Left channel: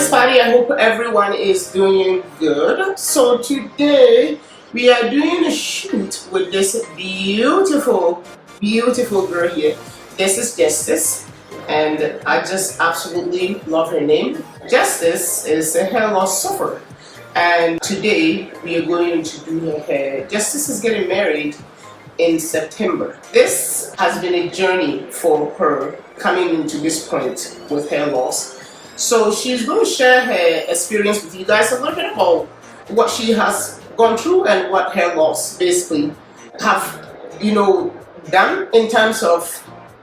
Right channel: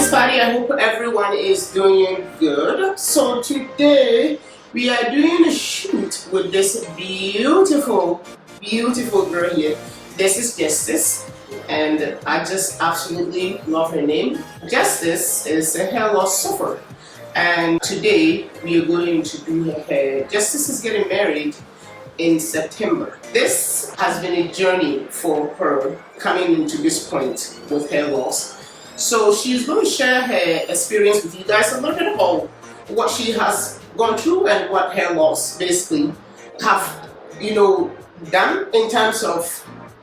Miss Patty, I hope everyone is doing good. So today we are doing a shoot with this beautiful girl here. This is Justice, and I just absolutely love her name. Justice is a hair loss sufferer, and today we are going to do her hair. Justice is getting married in September. This has been a journey for her coming into this point with hair loss. So she's going to share her experience with you guys, a little bit about what she has gone through and what hair loss basically have, done in terms of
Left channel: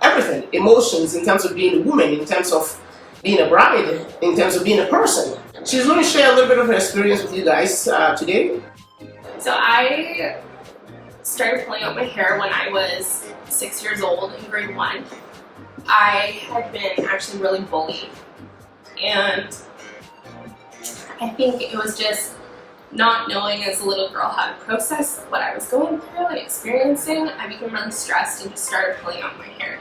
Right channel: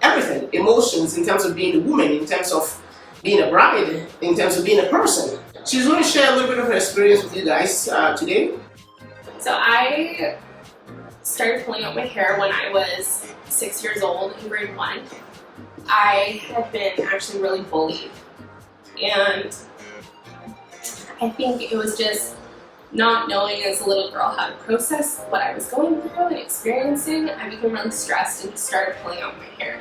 everything, emotions, in terms of being a woman, in terms of being a bride, in terms of being a person. She's going to share a little bit of her experience with you guys today. So I started pulling out my hair when I was 6 years old in grade 1. I had been actually really bullied, and I think it was just not knowing as a little girl how to process what I was going through and experiencing. I became really stressed and just started pulling out my hair.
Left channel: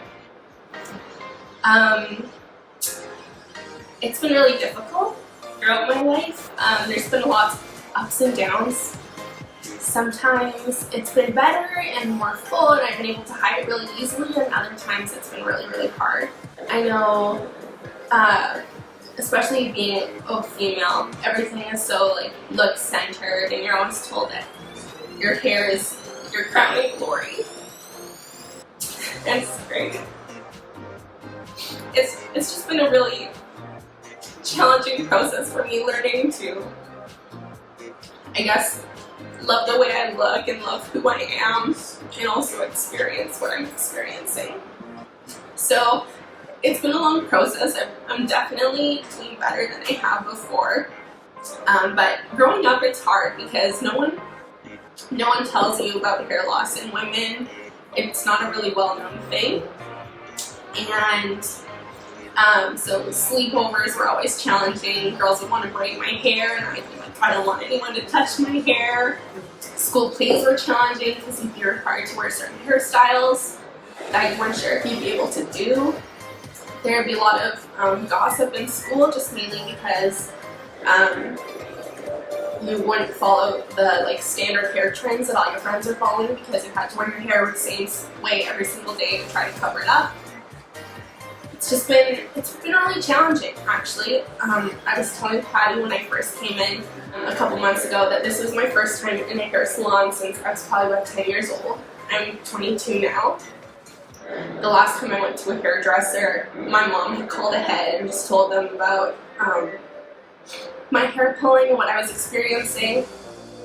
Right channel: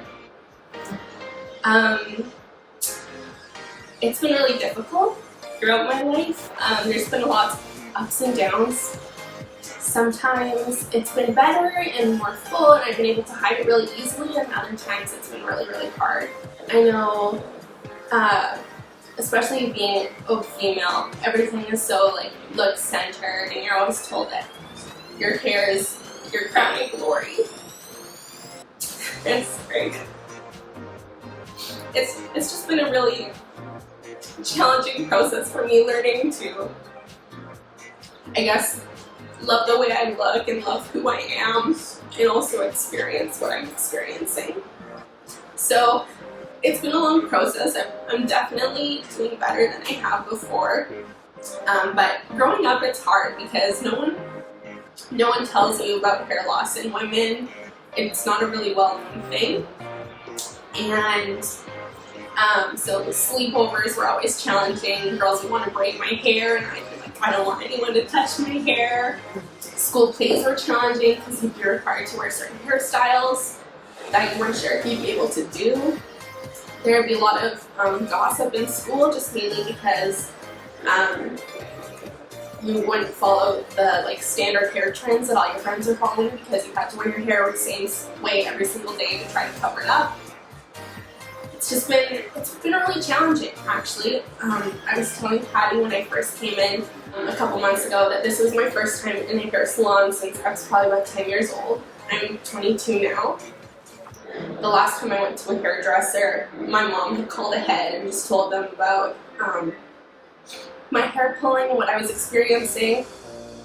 It's been really difficult throughout my life. There's been a lot of ups and downs. Sometimes it's been better and more full and I've been able to hide it really easily, and other times it's been really, really hard. I know, especially being a female, everything is so look centered, and you're always told that your hair is your crowning glory. And it's great. It's just been a really challenging process for me, learning to, I guess, love the way I look and love who I am, and also experience what I'm experiencing. So it's been a long process. I'm definitely doing better than I have before. But growing up, it's hard because no one tells you about hair loss in women. It's not a really well-known thing. And so sleepovers were always challenging. Girls would want to braid my hair, and I'd be like, I don't want anyone to touch my hair. School plays were challenging because you'd be required to wear certain hairstyles that you weren't sure if you'd be able to do. There would be a lot of gossip in school, just mainly because you wouldn't follow the standard hair trends that all your friends were following, because you had to wear your hair the same way every single day to try to cover it up. It's been really challenging, actually. I was telling Patty when I first came in a couple months ago that this was my first time in a hair salon since I was probably about 10 years old. I'm 22 now. The last time I went to a hairdresser, my mom had called ahead and just told them about my hair pulling and what I was experiencing,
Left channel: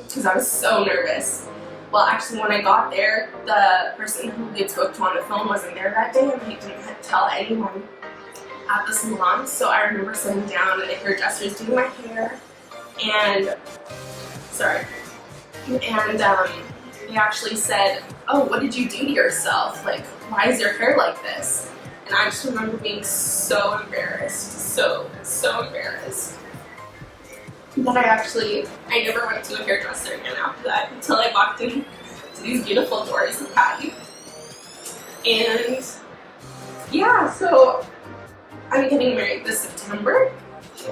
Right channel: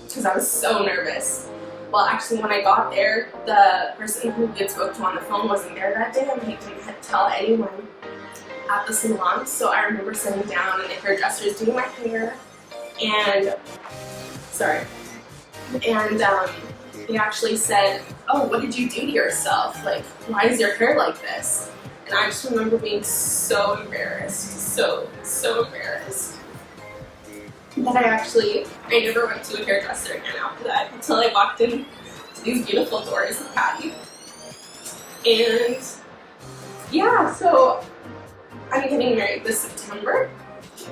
because I was so nervous. Well, actually, when I got there, the person who we had spoke to on the phone wasn't there that day, and they didn't tell anyone at the salon. So I remember sitting down and the hairdresser was doing my hair, and they actually said, "Oh, what did you do to yourself? Why is your hair like this?" And I just remember being so embarrassed, so embarrassed, that I never went to a hairdresser again after that until I walked in to these beautiful doors with Patty. And yeah, so I'm getting married this September.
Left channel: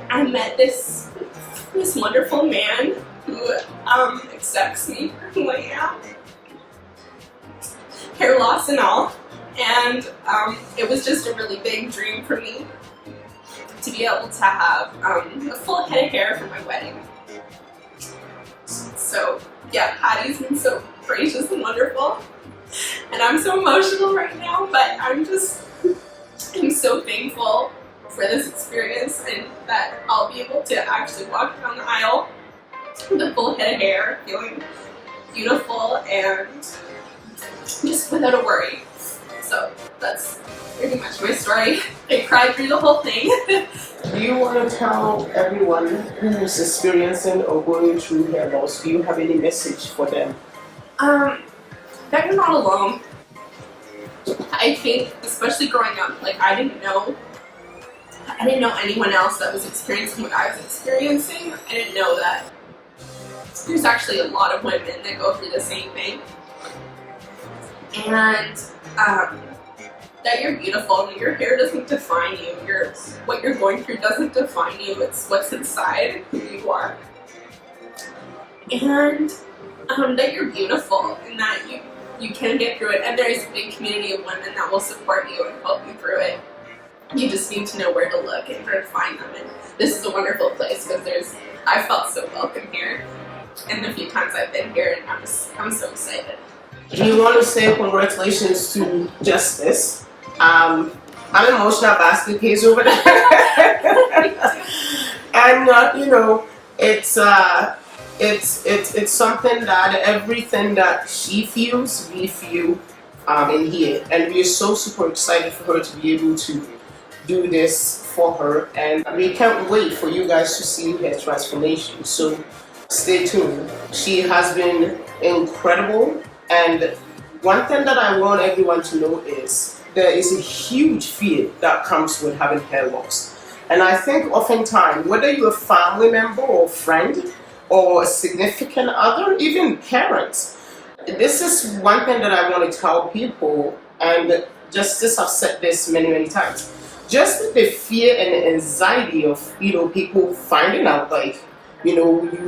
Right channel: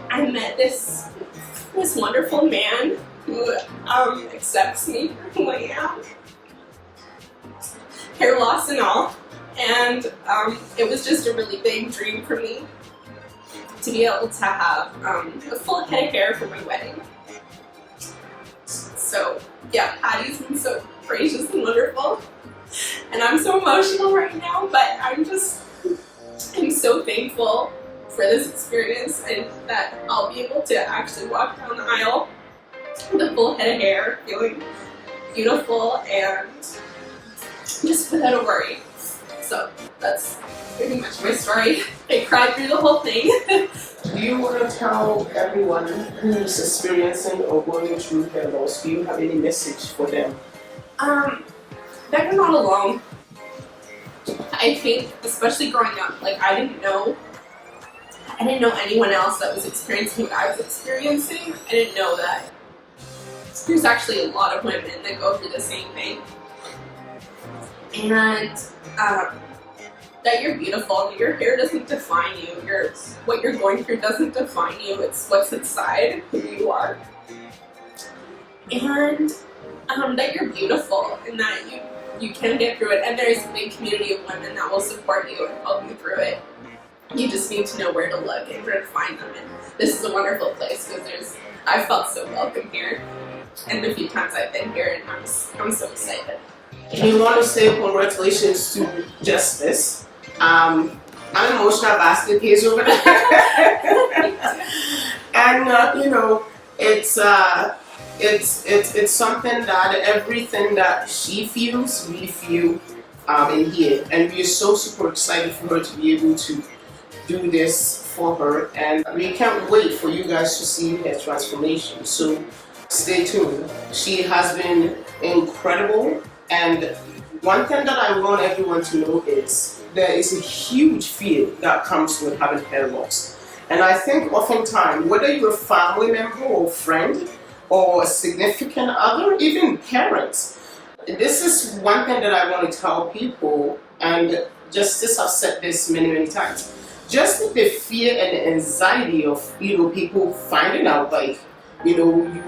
I met this wonderful man who accepts me for who I am, hair loss and all. And it was just a really big dream for me to be able to have a full head of hair for my wedding. So yeah, Patty's been so gracious and wonderful, and I'm so emotional right now, but I'm so thankful for this experience, and that I'll be able to actually walk down the aisle with a full head of hair, feeling beautiful and just without a worry. So that's pretty much my story. I cried through the whole thing. Do you want to tell everyone who's experiencing or going through hair loss, do you have any message for them? That you're not alone. I think, especially growing up, I didn't know anyone else that was experiencing what I was experiencing. I didn't know that there's actually a lot of women that go through the same thing. And that you're beautiful and your hair doesn't define you. What you're going through doesn't define you. It's what's inside who you are. And that you're beautiful and that you can get through it. And there's a big community of women that will support you and help you through it. You just need to know where to look and where to find them. And this is a wonderful place because I felt so welcome here. And the few times I've been here, and I'm so excited. We want to say congratulations to Justice. I'm emotional basket case over there. And it's something that everything that she feels, we feel in here, and we are so super excited for her to be able to do this for her, and we can't wait for you guys to see her transformation. So stay tuned. She has been incredible, and one thing that I want everyone to know is there is a huge fear that comes with having hair loss. And I think oftentimes, whether you're a family member or friend or a significant other, even parents, this is one thing that I want to tell people, and Justice have said this many, many times. Just the fear and anxiety of, people finding out, like, you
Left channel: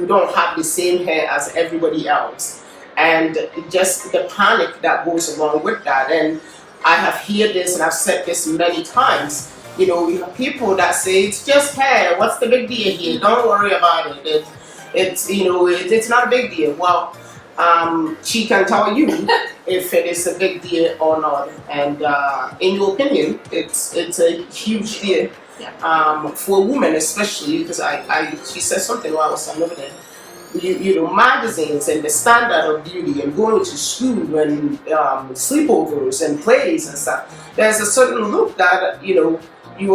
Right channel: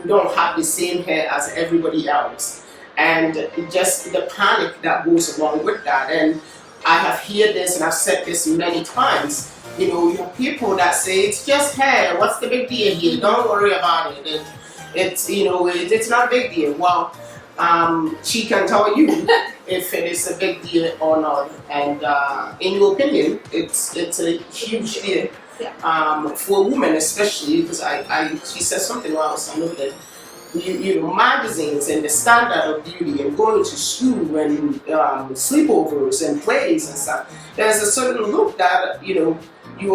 don't have the same hair as everybody else. And just the panic that goes along with that. And I have heard this and I've said this many times. You have people that say, it's just hair, what's the big deal here? Don't worry about it. It's not a big deal. Well, she can tell you if it is a big deal or not. And in your opinion, it's a huge deal. Yeah. For a woman especially, because she said something while I was over there. Magazines and the standard of beauty and going to school and sleepovers and plays and stuff. There's a certain look that you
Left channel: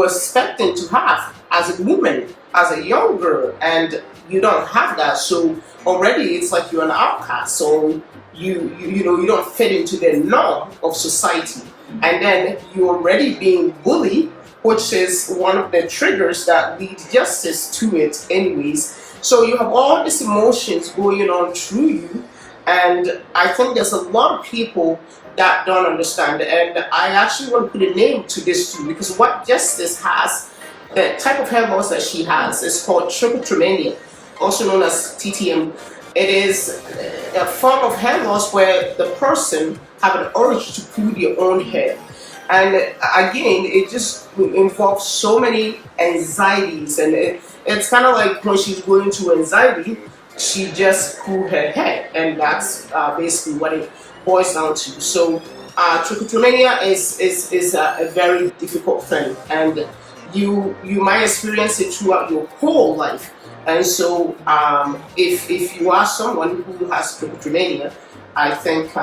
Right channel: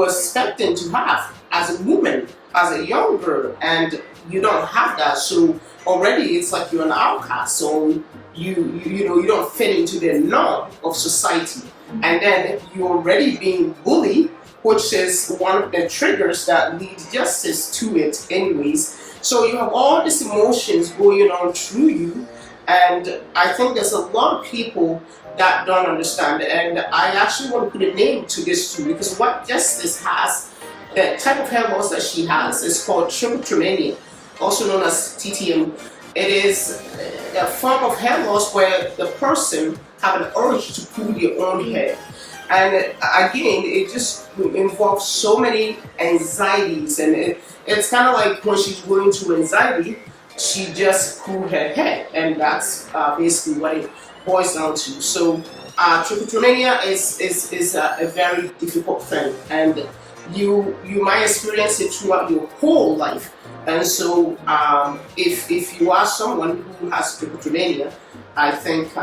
are expecting to have as a woman, as a young girl, and you don't have that. So already it's like you're an outcast. So you don't fit into the norm of society, and then you're already being bullied, which is one of the triggers that lead Justice to it, anyways. So you have all these emotions going on through you, and I think there's a lot of people that don't understand. And I actually want to put a name to this too, because what Justice has, the type of hair loss that she has, is called trichotillomania, also known as TTM. It is a form of hair loss where the person have an urge to pull their own hair. And again, it just involves so many anxieties, and it's kind of like when she's going through anxiety, she just pulled her hair, and that's basically what it boils down to. So trichotillomania is a very difficult thing, and you might experience it throughout your whole life. And so if you are someone who has trichotillomania, I think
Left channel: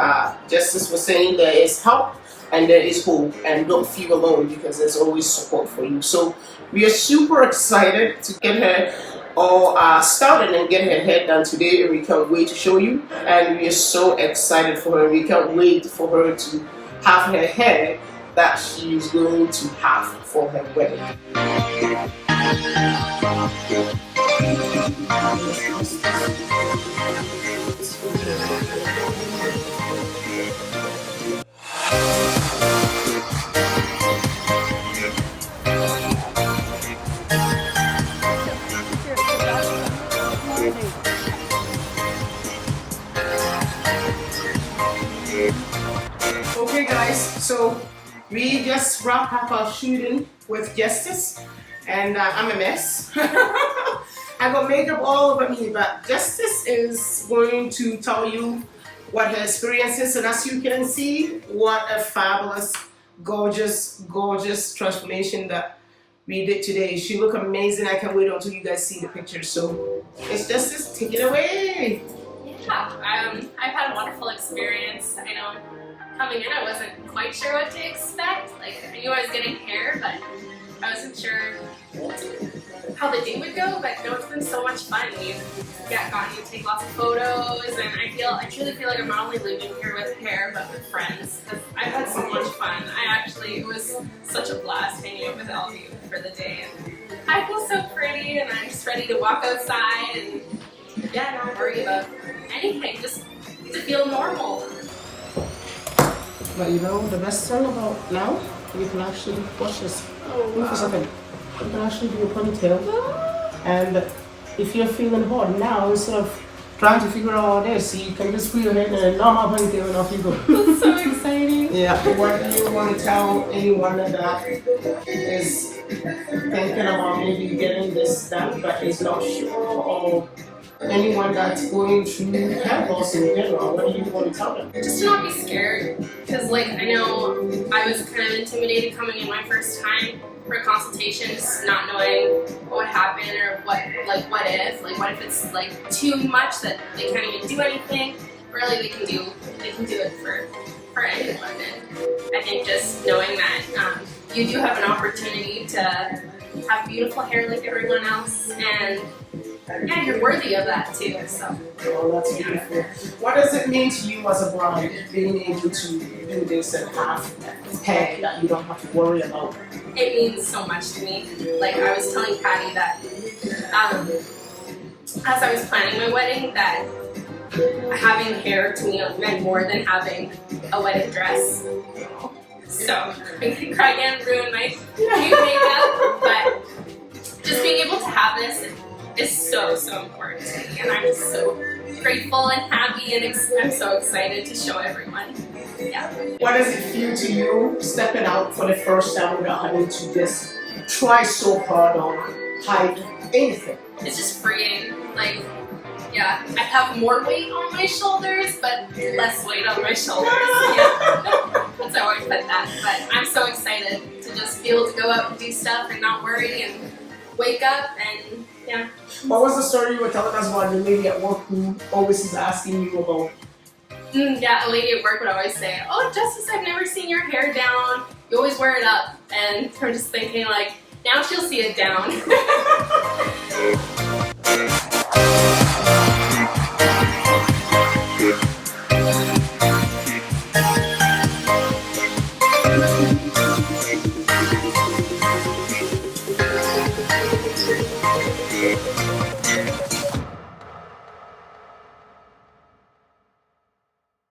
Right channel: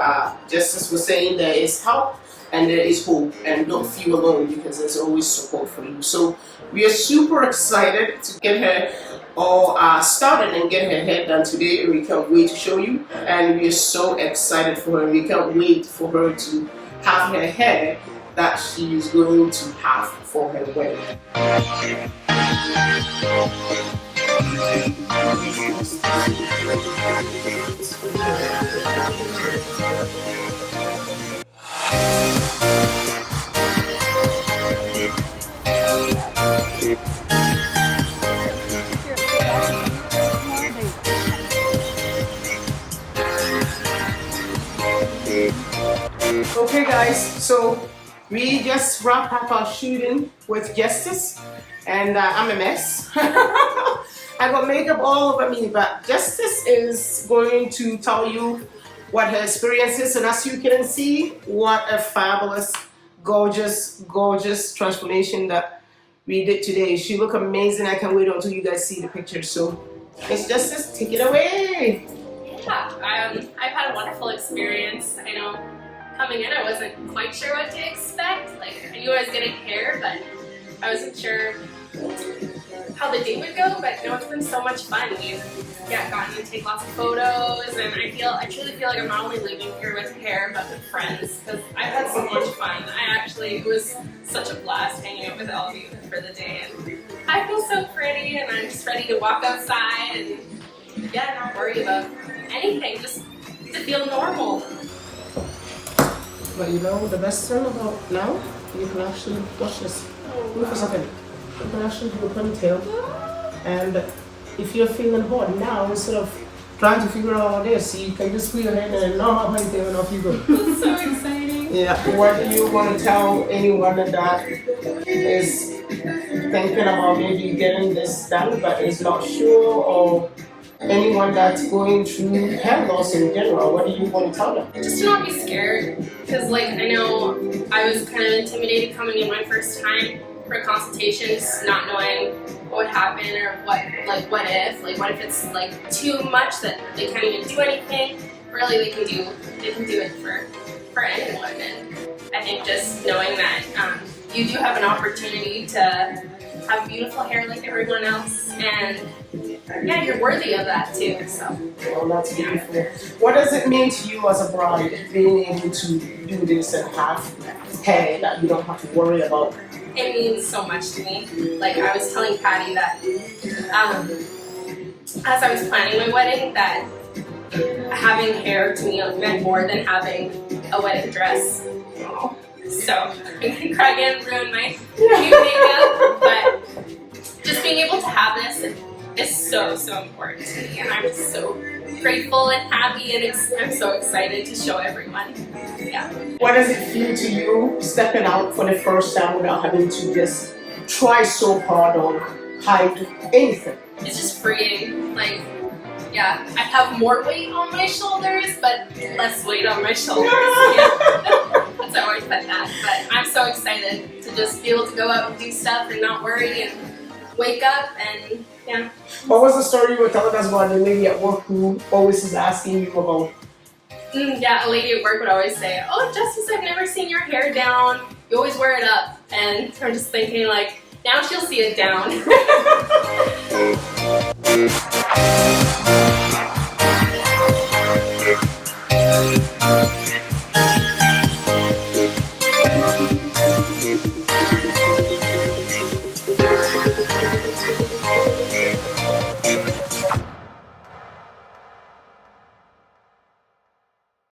Justice was saying there is help and there is hope, and don't feel alone because there's always support for you. So we are super excited to get her all started and get her hair done today, and we can't wait to show you. And we are so excited for her. We can't wait for her to have her hair that she is going to have for her wedding. Okay guys, so we just wrapped up our shooting with Justice, and I'm a mess. I got makeup all over me, but Justice is going to tell you what her experience is, and as you can see, what a fabulous, gorgeous, gorgeous transformation that we did today. She looked amazing. I can't wait until you guys see the picture. So it's Justice, take it away. Yeah, I've had a wonderful experience. I know coming in, I wasn't quite sure what to expect. Like, I knew I was getting hair, but I wasn't sure how the day would go. But no, it's been so much fun. We've gotten to take lots of photos, and I truly feel like I'm not only leaving here with hair, but with friends, because I've had so much fun. It was such a blast hanging out with all of you for the day, and I feel so pretty, and I'm just ready to walk outside and not worry about anything, just to feel normal. But you know, the best thing about now, you can actually watch this. Move for a second. You can actually do a ponytail. And if you're feeling hot now, instead of trying to figure out all this, you can just put your head in a normal ponytail and off you go. That's so exciting. Yeah. What do you want to tell anyone that is thinking about maybe getting this done but is not sure, or anyone that's going through hair loss in general? What do you want to tell them? Just to not be scared, because like I know I was kind of intimidated coming in my first time for a consultation, just not knowing what would happen or what if it's like too much that they can't even do anything. Really, they can do it for anyone, and I think just knowing that you do have an opportunity to have beautiful hair like everyone else, and yeah, you're worthy of that too. So Well, that's beautiful. What does it mean to you as a bride, being able to do this and have hair that you don't have to worry about? it means so much to me. Like I was telling Patty that as I was planning my wedding, that having hair to me meant more than having a wedding dress. So I'm gonna cry again and ruin my new makeup, but just being able to have this is so important to me, and I'm just so grateful and happy, and I'm so excited to show everyone. Yeah. What does it feel to you stepping out for the first time without having to just try so hard or hide anything? It's just freeing. Like, yeah, I have more weight on my shoulders, but less weight on my shoulders. Yeah. That's how I put that. But I'm so excited to just be able to go out and do stuff and not worry and wake up and yeah. What was the story you were telling us about the lady at work who always is asking you about? Yeah, a lady at work would always say, "Oh, Justice, I've never seen your hair down. You always wear it up." And I'm just thinking, like, now she'll see it down.